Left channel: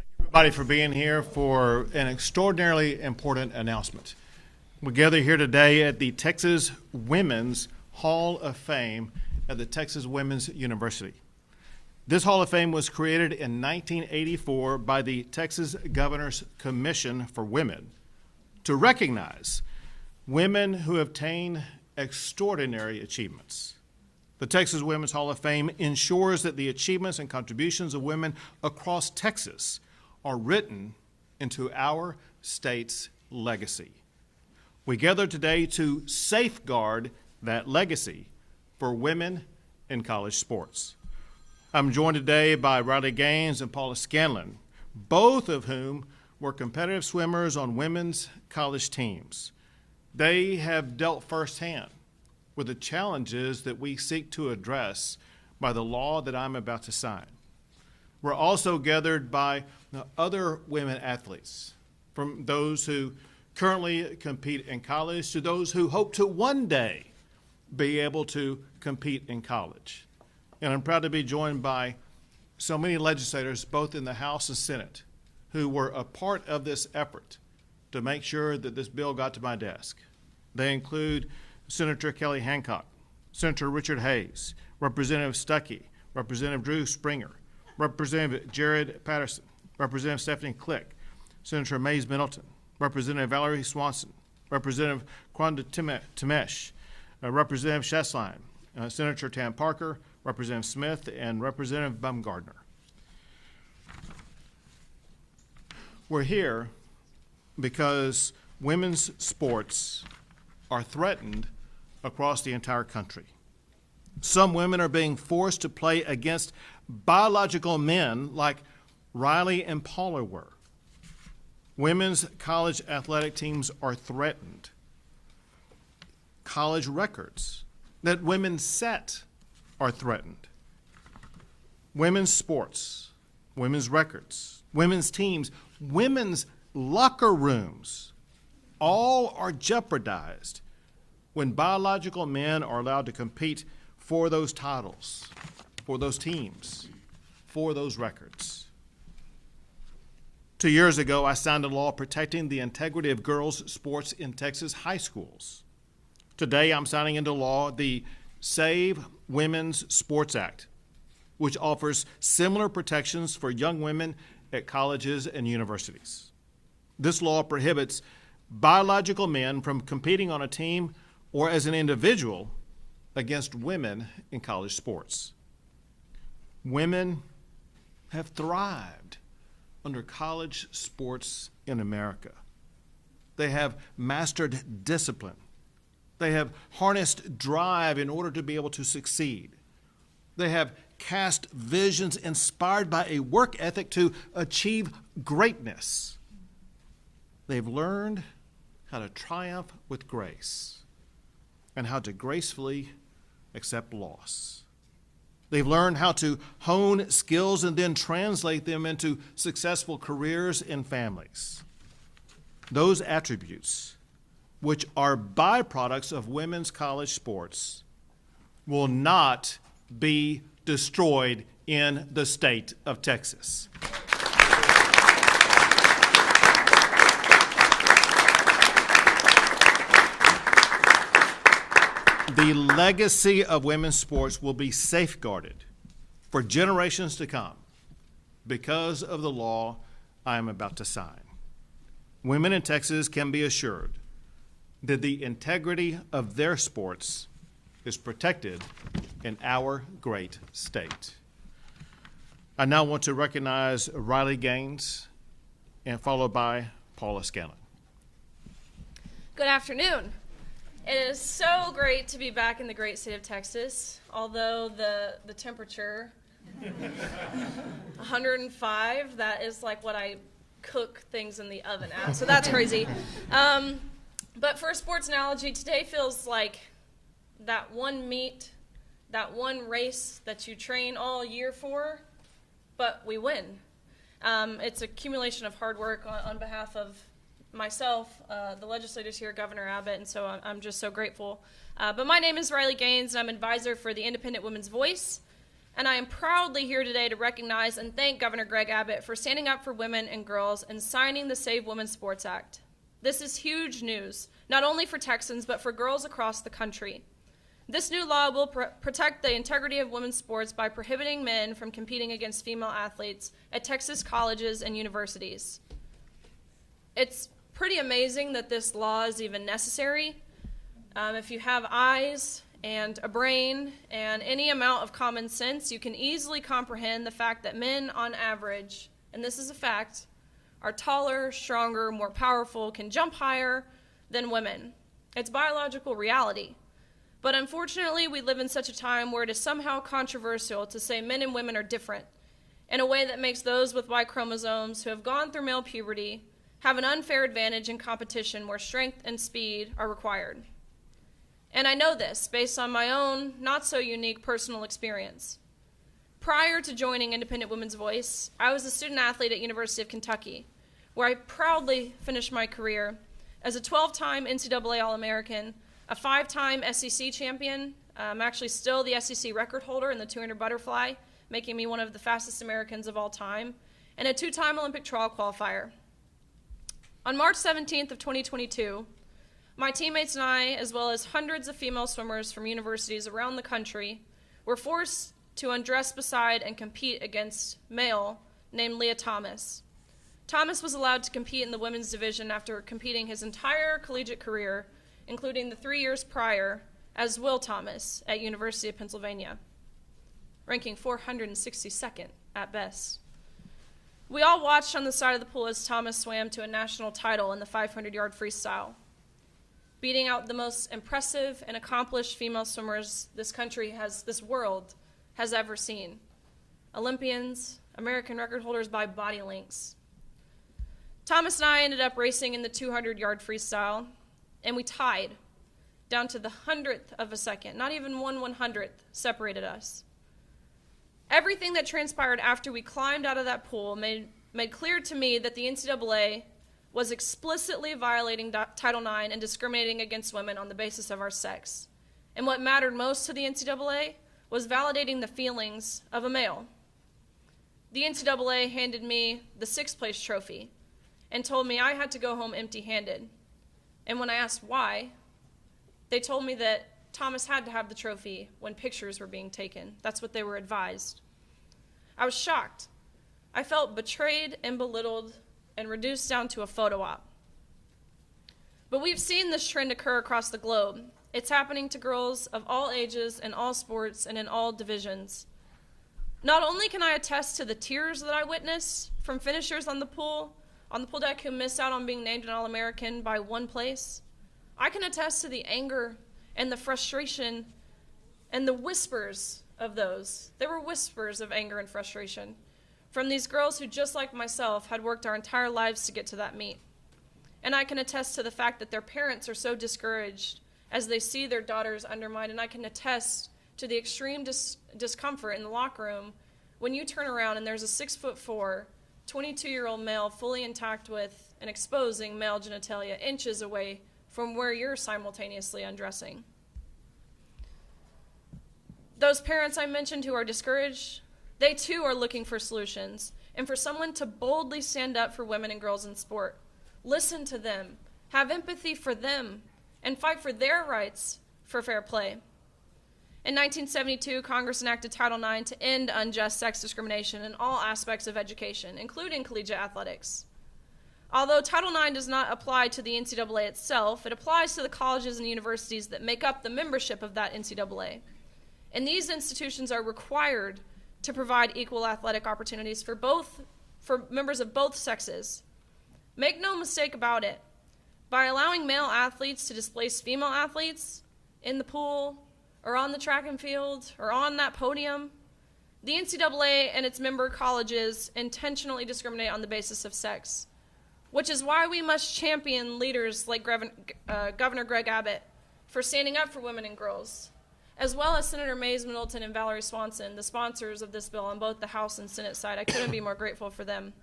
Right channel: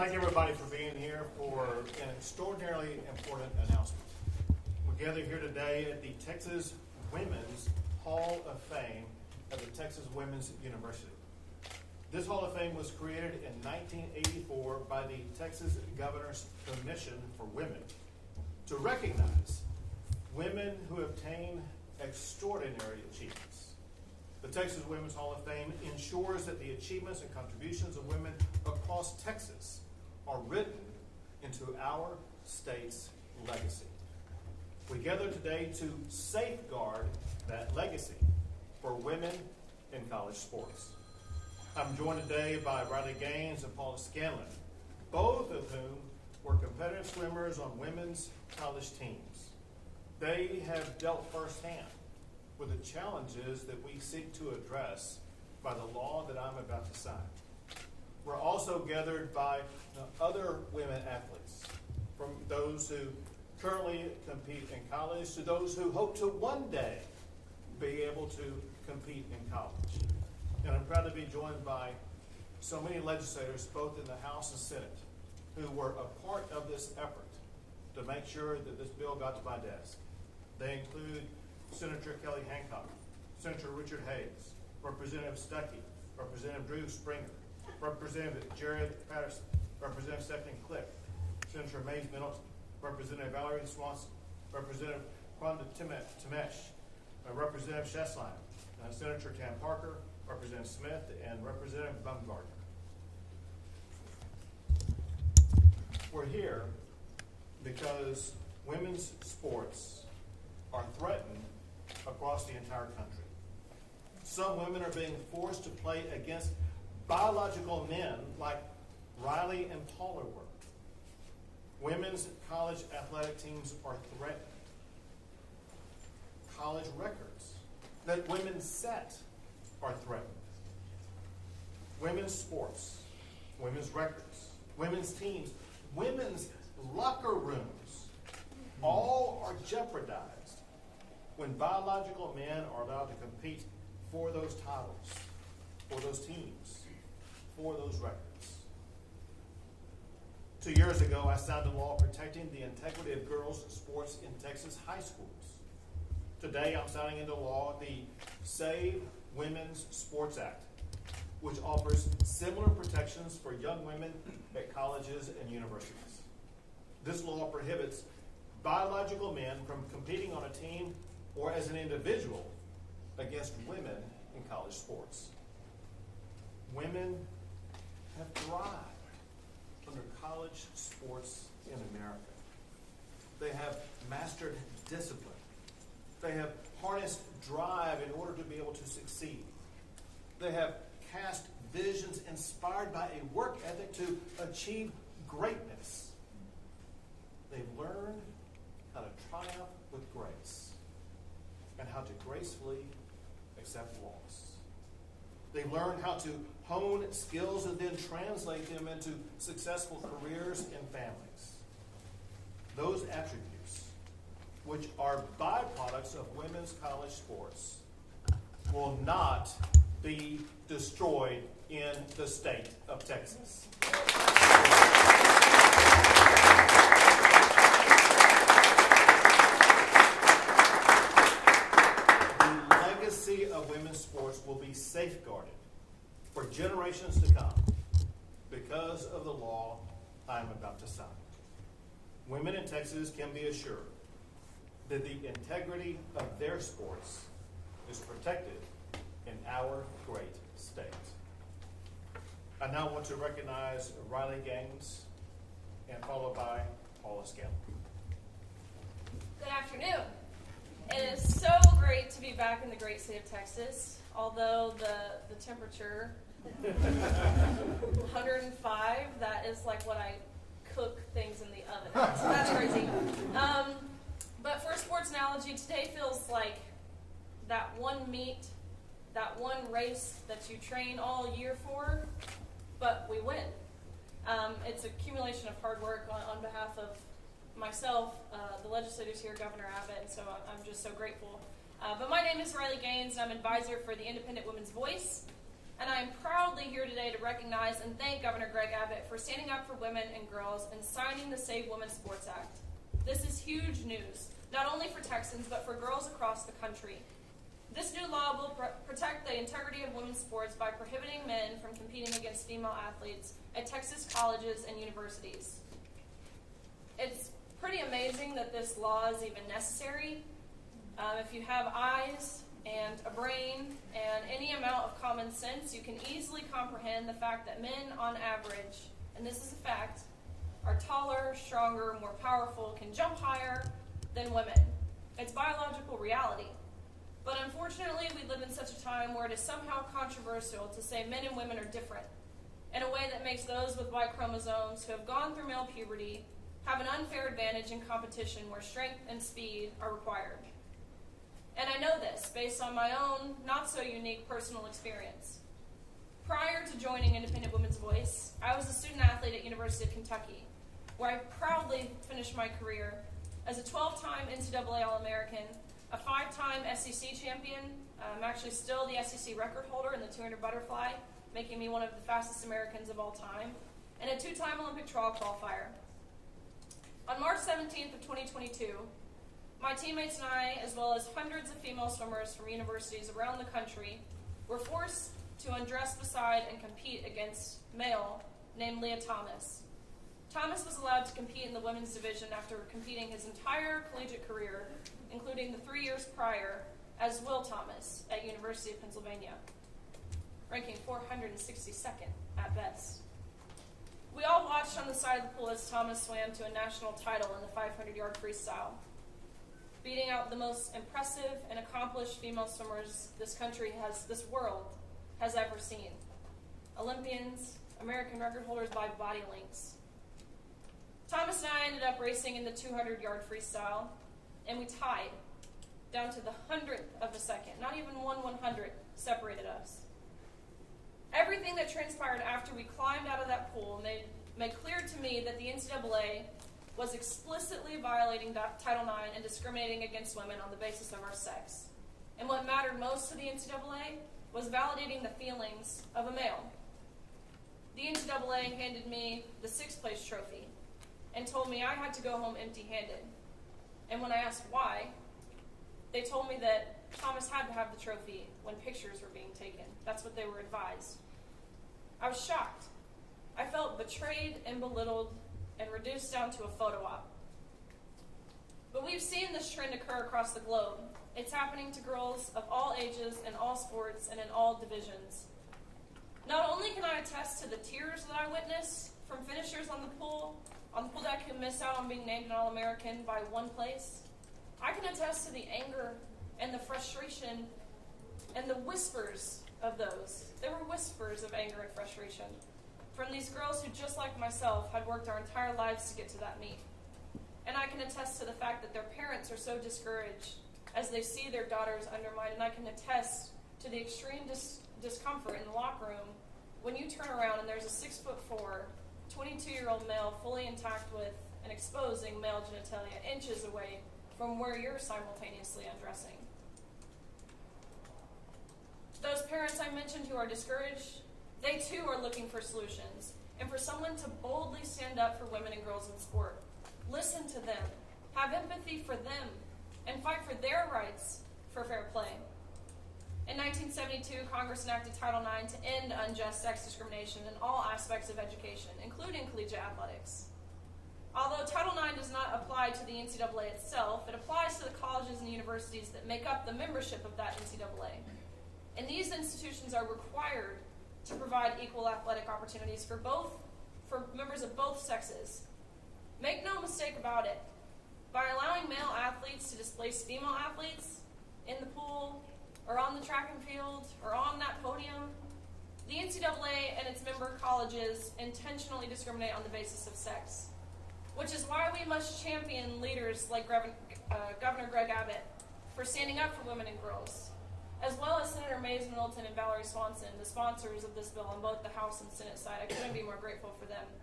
Thank everybody for being here for an extraordinarily important announcement. We gather here today at the Texas Women's Hall of Fame at the Texas Women's University. This Hall of Fame was created in 1984 by the Texas Governor's Commission for Women to recognize women who have attained extraordinary achievements. The Texas Women's Hall of Fame ensures that the achievements and contributions of women across Texas are written into our state's legacy. We gather today to safeguard that legacy for women in college sports. I'm joined today by Riley Gaines and Paula Scanlon, both of whom were competitive swimmers on women's college teams. They have dealt firsthand with the challenges that we seek to address by the law that I'm about to sign. We're also gathered by other women athletes, from those who currently compete in college to those who hope to one day be able to compete in college. And I'm proud to be joined by so many legislators, both in the House and Senate, who were a part of this effort to make sure that this bill got to my desk. They include Senator Kelly Hancock, Senator Richard Hayes, Representative Stuckey, Representative Drew Springer, Representative Jared Patterson, Representative Stephanie Click, Senator Mays Middleton, Representative Valerie Swanson, Representative Kwanda Temesh, Representative Shesline, Senator Tam Parker, Representative Smith, and Representative Bumgardner. We're here because women's sports are threatened across the entire country. Some women are being forced to play against biological men like Riley and Paula were. Women's college athletic teams are threatened. College records that women set are threatened. Women's sports, women's records, women's teams, women's locker rooms, all are jeopardized when biological men are allowed to compete for those titles, for those teams, for those records. 2 years ago, I signed a law protecting the integrity of girls' sports in Texas high schools. Today, I'm signing into law the Save Women's Sports Act, which offers similar protections for young women at colleges and universities. This law prohibits biological men from competing on a team or as an individual against women in college sports. Women have thrived under college sports in America. They have mastered discipline. They have harnessed drive in order to be able to succeed. They have cast visions inspired by a work ethic to achieve greatness. They've learned how to triumph with grace and how to gracefully accept loss. They've learned how to hone skills and then translate them into successful careers and families. Those attributes, which are byproducts of women's college sports, will not be destroyed in the state of Texas. The legacy of women's sports will be safeguarded for generations to come because of the law I am about to sign. Women in Texas can be assured that the integrity of their sports is protected in our great state. I now want to recognize Riley Gaines and followed by Paula Scanlon. Good afternoon. It is so great to be back in the great state of Texas, although the temperature, 105, that is like what I cook things in the oven at, so that's crazy. But for a sports analogy, today feels like that one meet, that one race that you train all year for, but we win. It's an accumulation of hard work on behalf of myself, the legislators here, Governor Abbott, and so I'm just so grateful. But my name is Riley Gaines, and I'm advisor for the Independent Women's Voice, and I am proudly here today to recognize and thank Governor Greg Abbott for standing up for women and girls and signing the Save Women's Sports Act. This is huge news, not only for Texans, but for girls across the country. This new law will protect the integrity of women's sports by prohibiting men from competing against female athletes at Texas colleges and universities. It's pretty amazing that this law is even necessary. If you have eyes and a brain and any amount of common sense, you can easily comprehend the fact that men on average, and this is a fact, are taller, stronger, more powerful, can jump higher than women. It's biological reality. But unfortunately, we live in such a time where it is somehow controversial to say men and women are different in a way that makes those with Y chromosomes who have gone through male puberty have an unfair advantage in competition where strength and speed are required. And I know this based on my own not so unique personal experience. Prior to joining Independent Women's Voice, I was a student athlete at University of Kentucky, where I proudly finished my career as a 12-time NCAA All-American, a 5-time SEC champion. I'm actually still the SEC record holder in the 200 butterfly, making me one of the fastest Americans of all time, and a 2-time Olympic trawl qualifier. On March 17th of 2022, my teammates and I, as well as hundreds of female swimmers from universities around the country, were forced to undress beside and compete against male named Leah Thomas. Thomas was allowed to compete in the women's division after competing his entire collegiate career, including the 3 years prior, as Will Thomas at University of Pennsylvania, ranking 462nd at best. We all watched on the side of the pool as Thomas swam to a national title in the 500-yard freestyle, beating out the most impressive and accomplished female swimmers this world has ever seen. Olympians, American record holders by body lengths. Thomas and I ended up racing in the 200-yard freestyle, and we tied down to the 100th of a second. Not even 1/100th separated us. Everything that transpired after we climbed out of that pool made clear to me that the NCAA was explicitly violating Title IX and discriminating against women on the basis of our sex. And what mattered most to the NCAA was validating the feelings of a male. The NCAA handed me the 6th place trophy and told me I had to go home empty-handed. And when I asked why, they told me that Thomas had to have the trophy when pictures were being taken. That's what they were advised. I was shocked. I felt betrayed and belittled and reduced down to a photo op. But we've seen this trend occur across the globe. It's happening to girls of all ages, in all sports, and in all divisions. Not only can I attest to the tears that I witnessed from finishers on the pool deck who miss out on being named an All-American by 1 place, I can attest to the anger and the frustration and the whispers of those. There were whispers of anger and frustration from these girls who, just like myself, had worked our entire lives to get to that meet. And I can attest to the fact that their parents are so discouraged as they see their daughters undermined, and I can attest to the extreme discomfort in the locker room when you turn around and there's a 6'4", 22-year-old male fully intact with an exposing male genitalia inches away from where you're simultaneously undressing. Those parents I mentioned who are discouraged, they too are looking for solutions and for someone to boldly stand up for women and girls in sport. Listen to them, have empathy for them, and fight for their rights for fair play. In 1972, Congress enacted Title IX to end unjust sex discrimination in all aspects of education, including collegiate athletics. Although Title IX does not apply to the NCAA itself, it applies to the colleges and universities that make up the membership of that NCAA. And these institutions are required to provide equal athletic opportunities for members of both sexes. Make no mistake about it, by allowing male athletes to displace female athletes in the pool or on the track and field or on that podium, the NCAA and its member colleges intentionally discriminate on the basis of sex, which is why we must champion leaders like Governor Greg Abbott for standing up for women and girls, as well as Senator Mays Middleton and Valerie Swanson, the sponsors of this bill on both the House and Senate side. I couldn't be more grateful for them.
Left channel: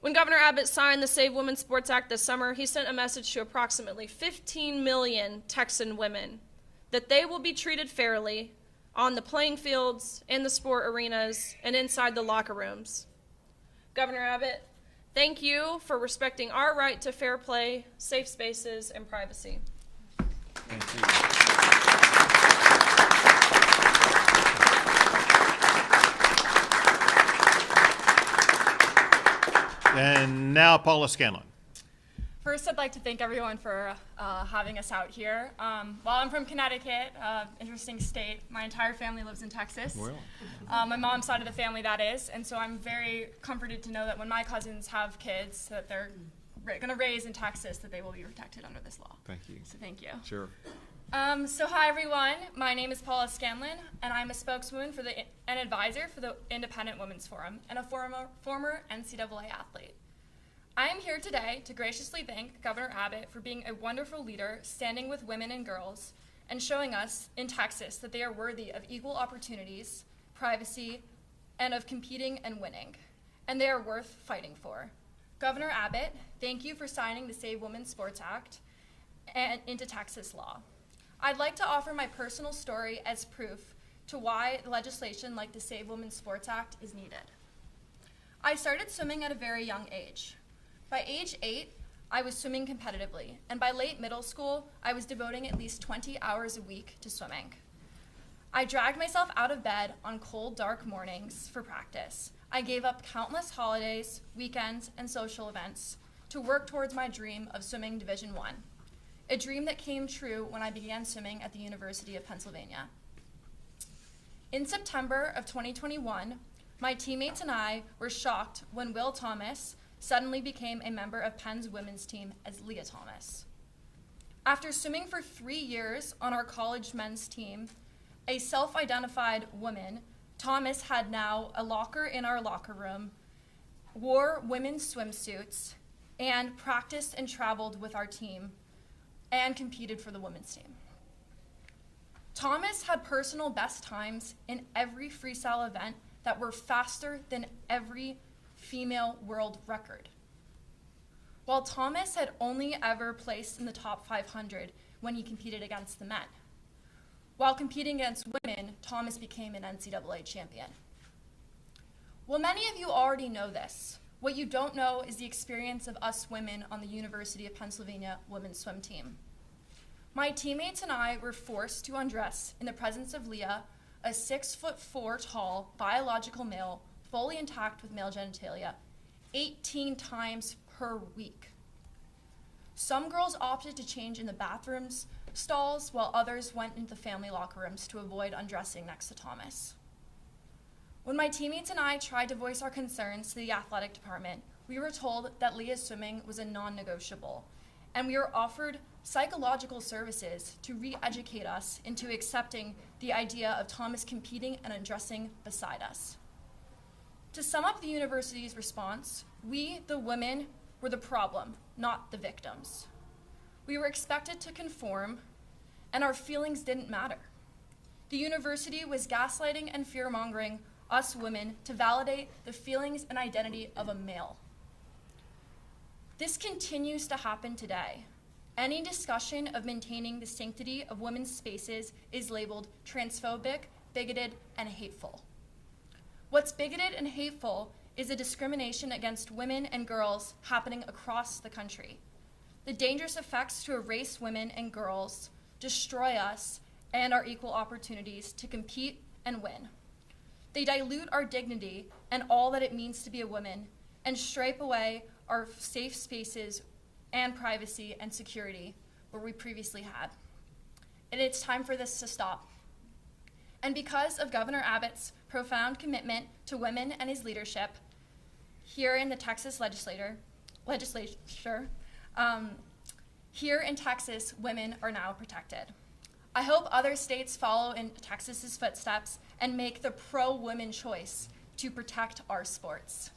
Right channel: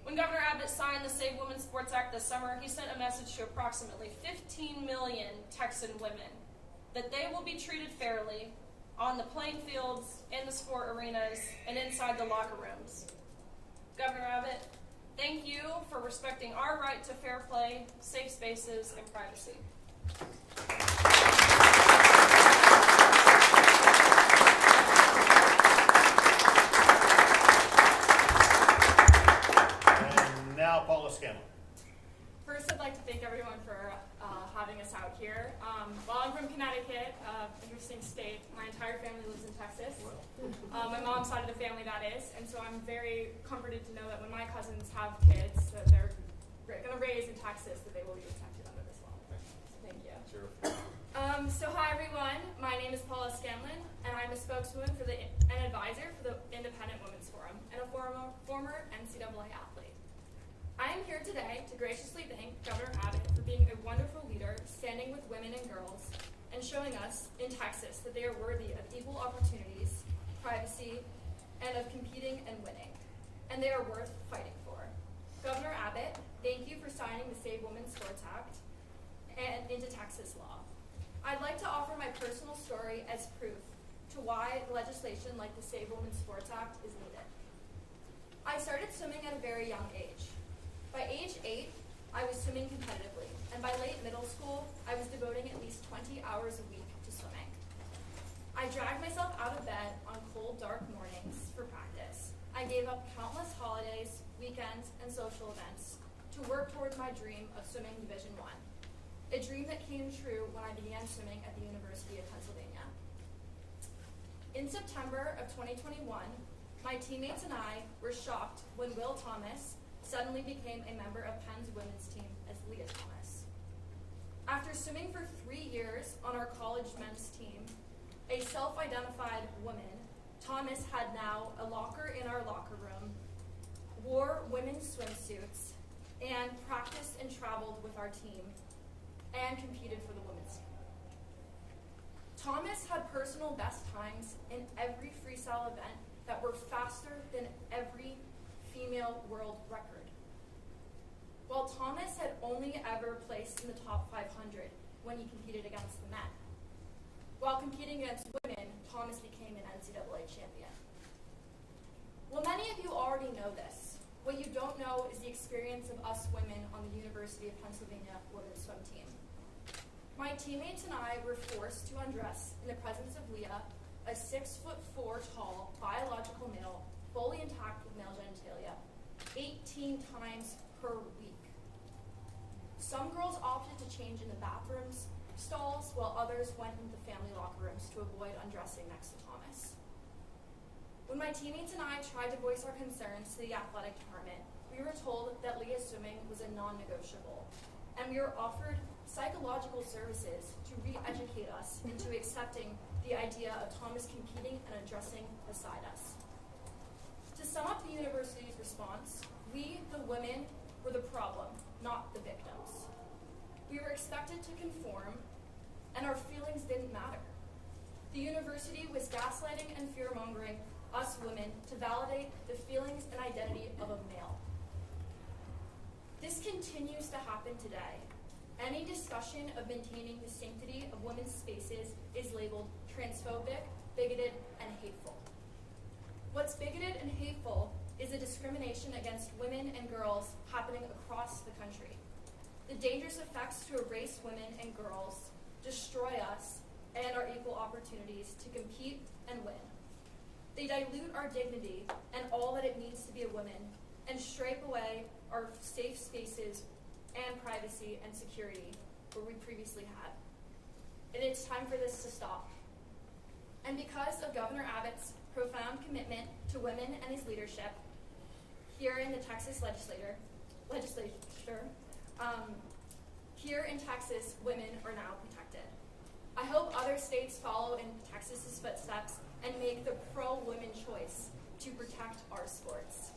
When Governor Abbott signed the Save Women's Sports Act this summer, he sent a message to approximately 15 million Texan women that they will be treated fairly, on the playing fields, in the sport arenas, and inside the locker rooms. Governor Abbott, thank you for respecting our right to fair play, safe spaces, and privacy. And now Paula Scanlon. First, I'd like to thank everyone for having us out here. While I'm from Connecticut, interesting state, my entire family lives in Texas. My mom's side of the family, that is, and so I'm very comforted to know that when my cousins have kids that they're going to raise in Texas, that they will be protected under this law. Thank you. So thank you. Sure. So hi everyone, my name is Paula Scanlon, and I'm a spokeswoman for an advisor for the Independent Women's Forum, and a former NCAA athlete. I am here today to graciously thank Governor Abbott for being a wonderful leader, standing with women and girls, and showing us in Texas that they are worthy of equal opportunities, privacy, and of competing and winning, and they are worth fighting for. Governor Abbott, thank you for signing the Save Women's Sports Act and into Texas law. I'd like to offer my personal story as proof to why legislation like the Save Women's Sports Act is needed. I started swimming at a very young age. By age 8, I was swimming competitively, and by late middle school, I was devoting at least 20 hours a week to swimming. I dragged myself out of bed on cold, dark mornings for practice. I gave up countless holidays, weekends, and social events to work towards my dream of swimming Division I, a dream that came true when I began swimming at the University of Pennsylvania. In September of 2021, my teammates and I were shocked when Will Thomas suddenly became a member of Penn's women's team as Leah Thomas. After swimming for 3 years on our college men's team, a self-identified woman, Thomas had now a locker in our locker room, wore women's swimsuits, and practiced and traveled with our team, and competed for the women's team. Thomas had personal best times in every freestyle event that were faster than every female world record. While Thomas had only ever placed in the top 500 when he competed against the men. While competing against women, Thomas became an NCAA champion. Well, many of you already know this. What you don't know is the experience of us women on the University of Pennsylvania women's swim team. My teammates and I were forced to undress in the presence of Leah, a 6'4" tall biological male, fully intact with male genitalia, 18 times per week. Some girls opted to change in the bathrooms stalls, while others went into the family locker rooms to avoid undressing next to Thomas. When my teammates and I tried to voice our concerns to the athletic department, we were told that Leah's swimming was a non-negotiable, and we were offered psychological services to re-educate us into accepting the idea of Thomas competing and undressing beside us. To sum up the university's response, we, the women, were the problem, not the victims. We were expected to conform, and our feelings didn't matter. The university was gaslighting and fear-mongering us women to validate the feelings and identity of a male. This continues to happen today. Any discussion of maintaining the sanctity of women's spaces is labeled transphobic, bigoted, and hateful. What's bigoted and hateful is a discrimination against women and girls happening across the country. The dangerous effects to erase women and girls, destroy us, and our equal opportunities to compete and win. They dilute our dignity and all that it means to be a woman, and stripe away our safe spaces and privacy and security where we previously had. And it's time for this to stop. And because of Governor Abbott's profound commitment to women and his leadership here in the Texas legislature, here in Texas, women are now protected. I hope other states follow in Texas's footsteps and make the pro-women choice to protect our sports.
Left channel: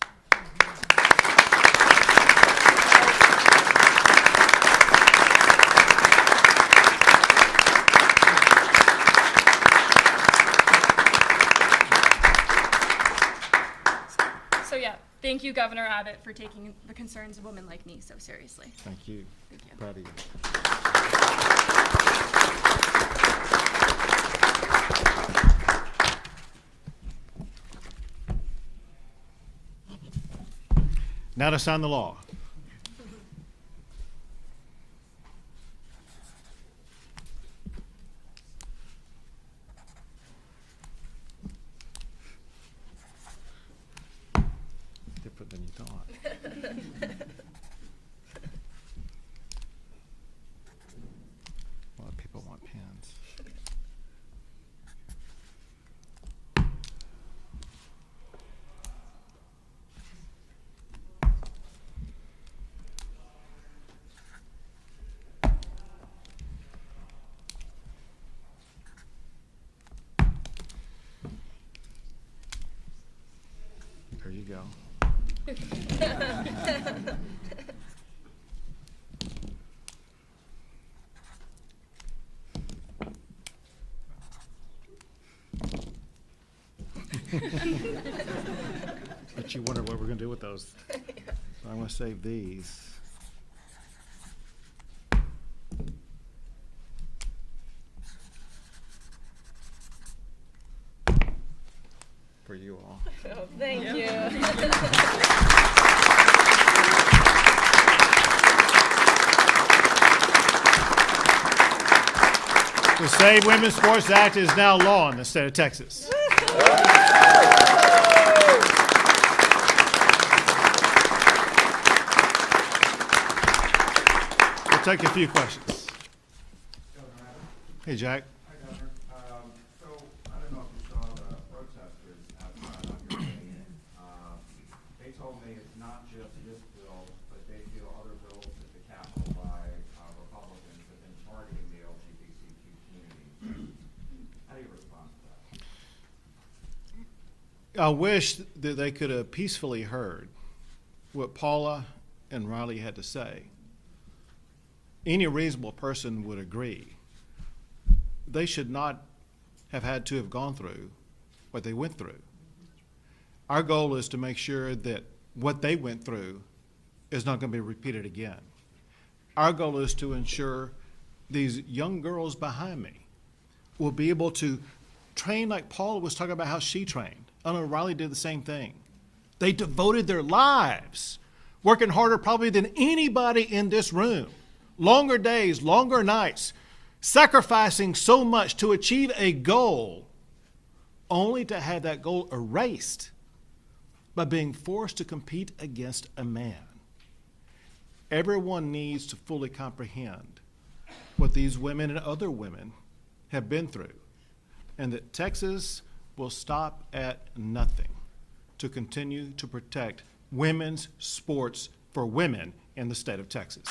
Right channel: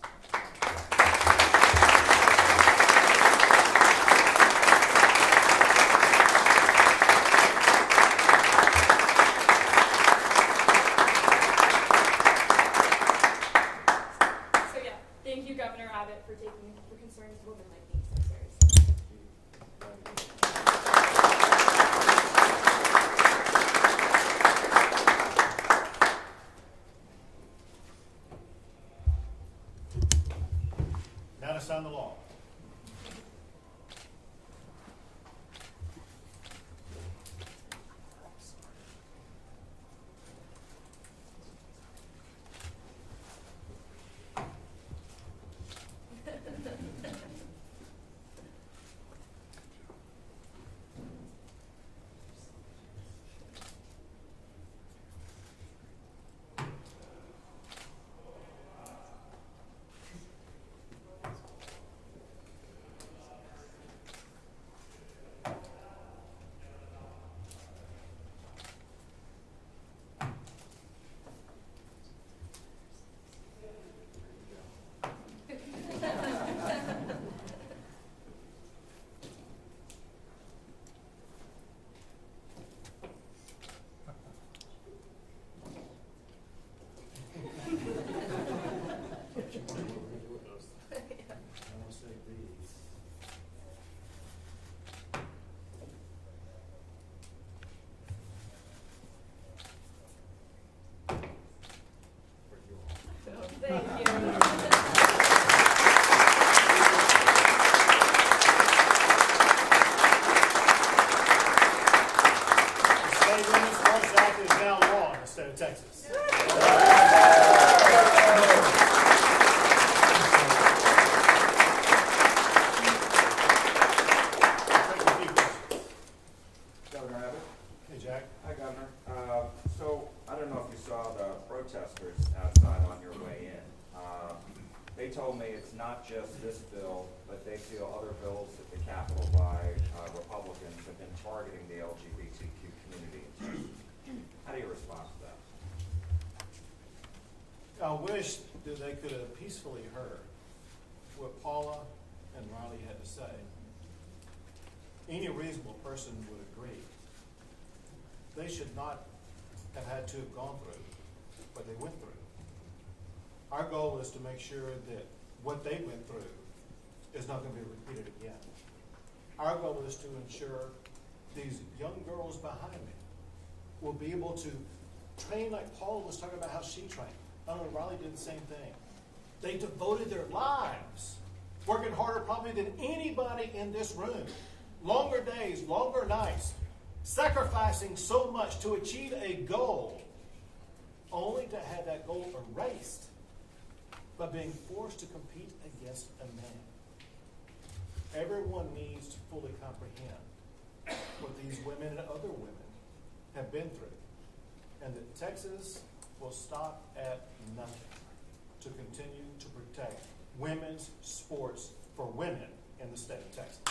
Thank you, Governor Abbott, for taking the concerns of women like me so seriously. Thank you. Proud of you. Now to sign the law. A lot of people want pens. There you go. But you wonder what we're gonna do with those. So I'm gonna save these. For you all. Thank you. The Save Women's Sports Act is now law in the state of Texas. We'll take a few questions. Governor Abbott. Hey, Jack. Hi, Governor. So I don't know if you saw the protesters outside on your way in. They told me it's not just this bill, but they feel other bills at the Capitol by Republicans have been targeting the LGBTQ community. How do you respond to that? I wish that they could have peacefully heard what Paula and Riley had to say. Any reasonable person would agree. They should not have had to have gone through what they went through. Our goal is to make sure that what they went through is not going to be repeated again. Our goal is to ensure these young girls behind me will be able to train like Paula was talking about how she trained. I know Riley did the same thing. They devoted their lives, working harder probably than anybody in this room. Longer days, longer nights, sacrificing so much to achieve a goal, only to have that goal erased by being forced to compete against a man. Everyone needs to fully comprehend what these women and other women have been through, and that Texas will stop at nothing to continue to protect women's sports for women in the state of Texas.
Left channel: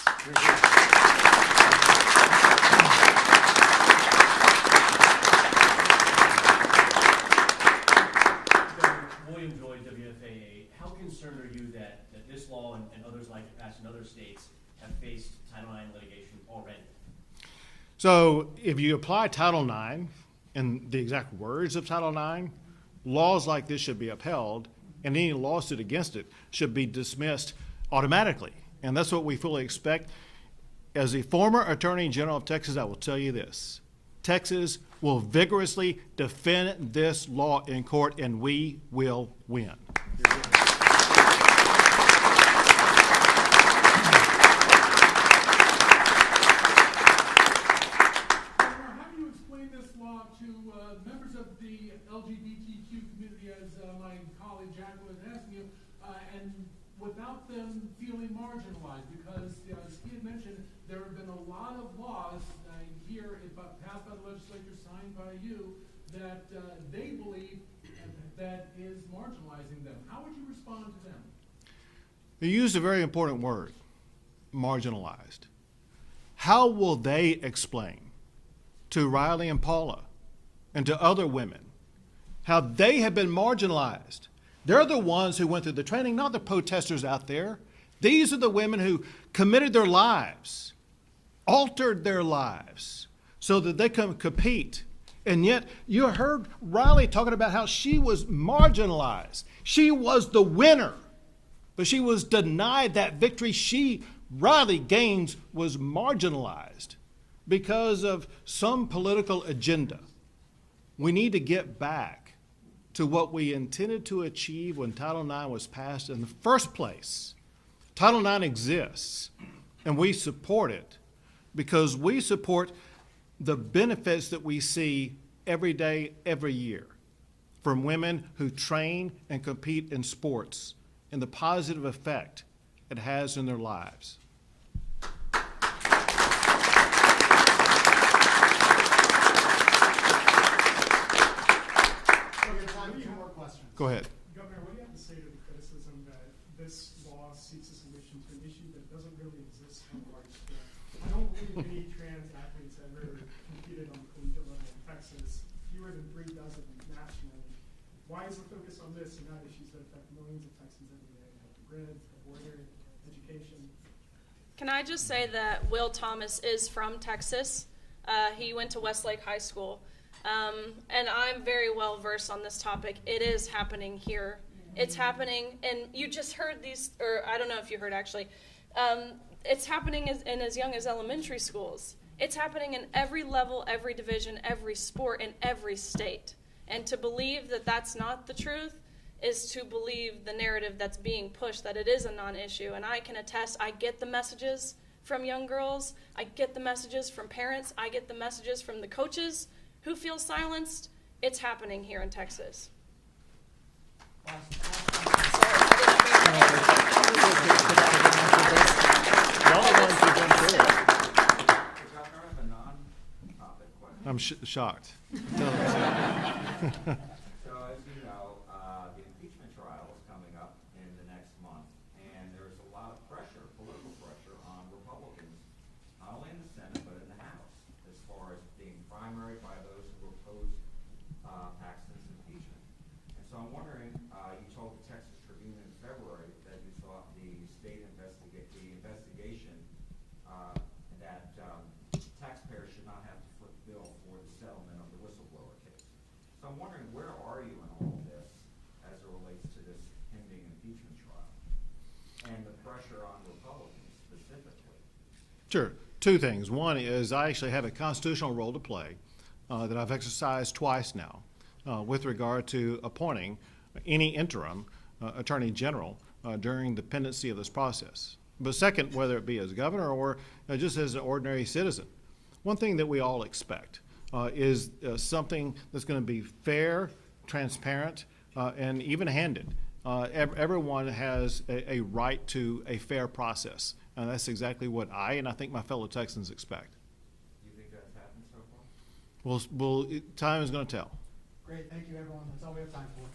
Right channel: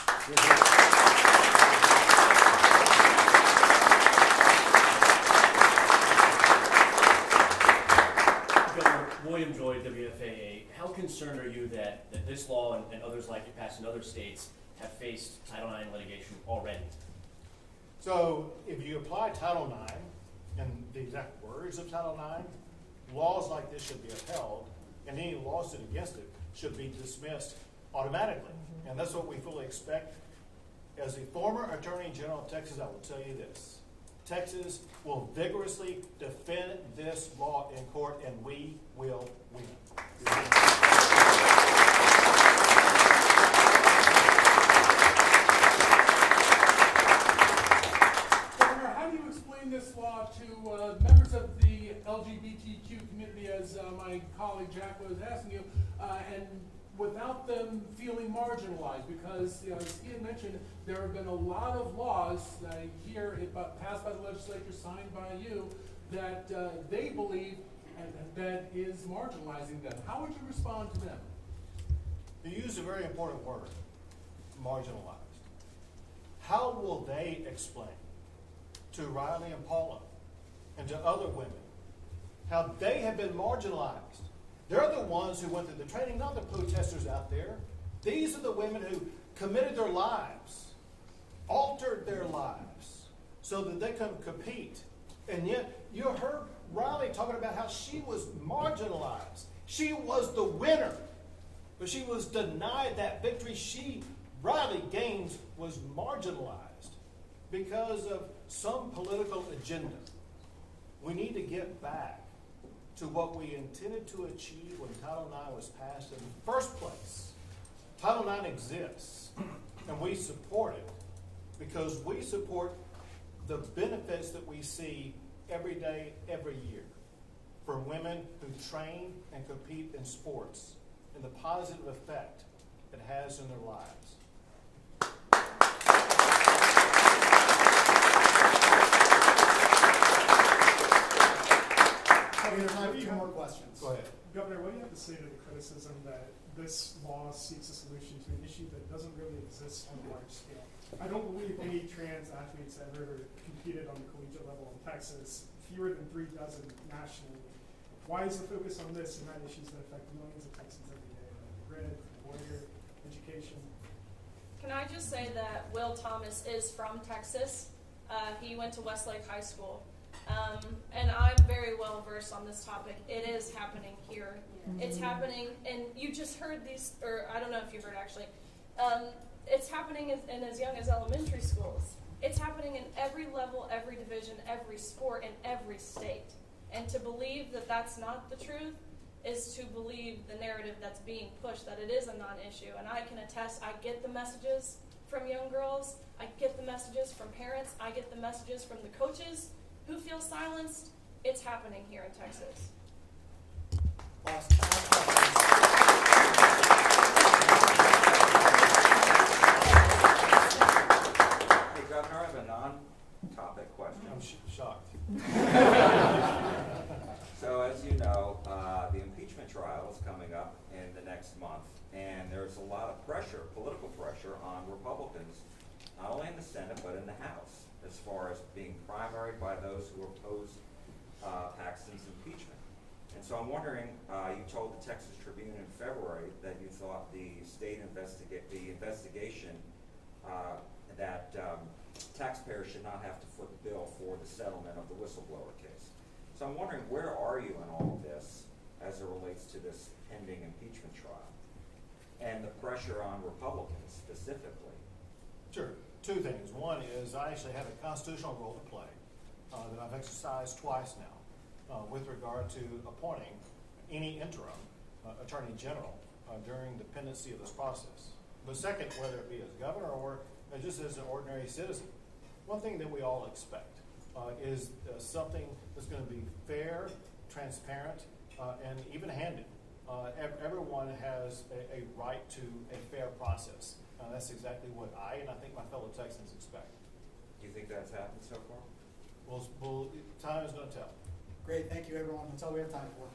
Governor William Joy, WFAA, how concerned are you that this law and others like it passed in other states have faced Title IX litigation already? So if you apply Title IX and the exact words of Title IX, laws like this should be upheld, and any lawsuit against it should be dismissed automatically. And that's what we fully expect. As a former Attorney General of Texas, I will tell you this. Texas will vigorously defend this law in court, and we will win. Governor, how do you explain this law to members of the LGBTQ community, as my colleague Jack was asking you, and without them feeling marginalized? Because, as he had mentioned, there have been a lot of laws here passed by the legislature, signed by you, that they believe that is marginalizing them. How would you respond to them? You used a very important word, marginalized. How will they explain to Riley and Paula and to other women how they have been marginalized? They're the ones who went through the training, not the protesters out there. These are the women who committed their lives, altered their lives so that they can compete. And yet you heard Riley talking about how she was marginalized. She was the winner, but she was denied that victory Riley Gaines was marginalized because of some political agenda. We need to get back to what we intended to achieve when Title IX was passed in the first place, Title IX exists, and we support it because we support the benefits that we see every day, every year from women who train and compete in sports and the positive effect it has in their lives. We have time for 2 more questions. Go ahead. Governor, what do you have to say to the criticism that this law seeks a solution to an issue that doesn't really exist on a large scale? I don't believe any trans athletes ever competed on the collegiate level in Texas, fewer than 3 dozen nationally. Why is the focus on this and not issues that affect millions of Texans every day, like the grid, water, education? Can I just say that Will Thomas is from Texas? He went to Westlake High School. And I'm very well versed on this topic. It is happening here. It's happening, and you just heard these, or I don't know if you heard actually. It's happening in as young as elementary schools. It's happening in every level, every division, every sport, in every state. And to believe that that's not the truth is to believe the narrative that's being pushed, that it is a non-issue. And I can attest, I get the messages from young girls. I get the messages from parents. I get the messages from the coaches who feel silenced. It's happening here in Texas. Hey, Governor, I have a non-topic question. I'm shocked. So as you know, the impeachment trial is coming up in the next month, and there's a lot of pressure, political pressure on Republicans, not only in the Senate, but in the House, as far as being primaried by those who oppose Paxton's impeachment. And so I'm wondering, you told the Texas Tribune in February that you thought the investigation that taxpayers should not have to foot the bill for the settlement of the whistleblower case. So I'm wondering, where are you in all of this as it relates to this pending impeachment trial and the pressure on Republicans specifically? Sure. 2 things. One is I actually have a constitutional role to play that I've exercised twice now with regard to appointing any interim attorney general during the pendency of this process. But second, whether it be as governor or just as an ordinary citizen, one thing that we all expect is something that's going to be fair, transparent, and even-handed. Everyone has a right to a fair process. And that's exactly what I and I think my fellow Texans expect. Do you think that's happened so far? Time is going to tell. Great, thank you everyone. That's all we have time for.